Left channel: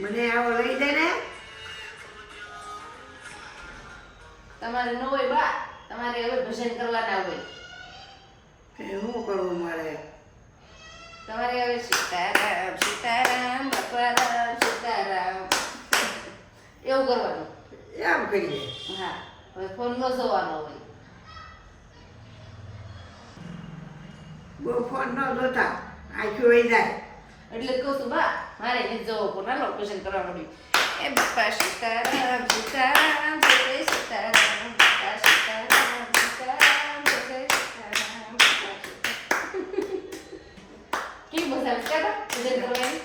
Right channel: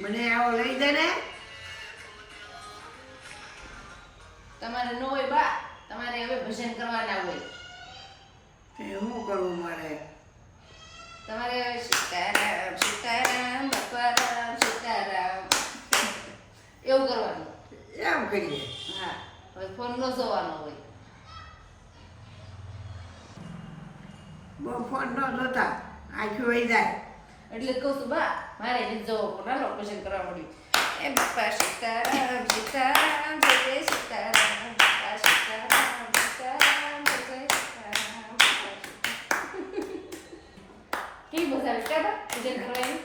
મને આવો લઈ દે ને. તમારે ન હોય બા, તમારે હવે ભજન કરવાના હોય. શું કરવું મારે? તમારે હવે સીતારામ સીતારામ બાપારામ સીતારામ એવું કરવાનું. એમ કરીએ. હા, હવે ફોન ન જોવાનો હોય. બહુ ફોન ન જોતા, આખી વહી જાય. એટલે કહું છું બા, મારે નથી જવો પણ હાલો ભજન કરવા મળ્યું. એ બાપા સીતારામ સીતારામ જય જય સીતારામ બાપા સીતારામ સીતારામ જય જય સીતારામ. કેવી મજા આવે છે બા ભજન કરવાની?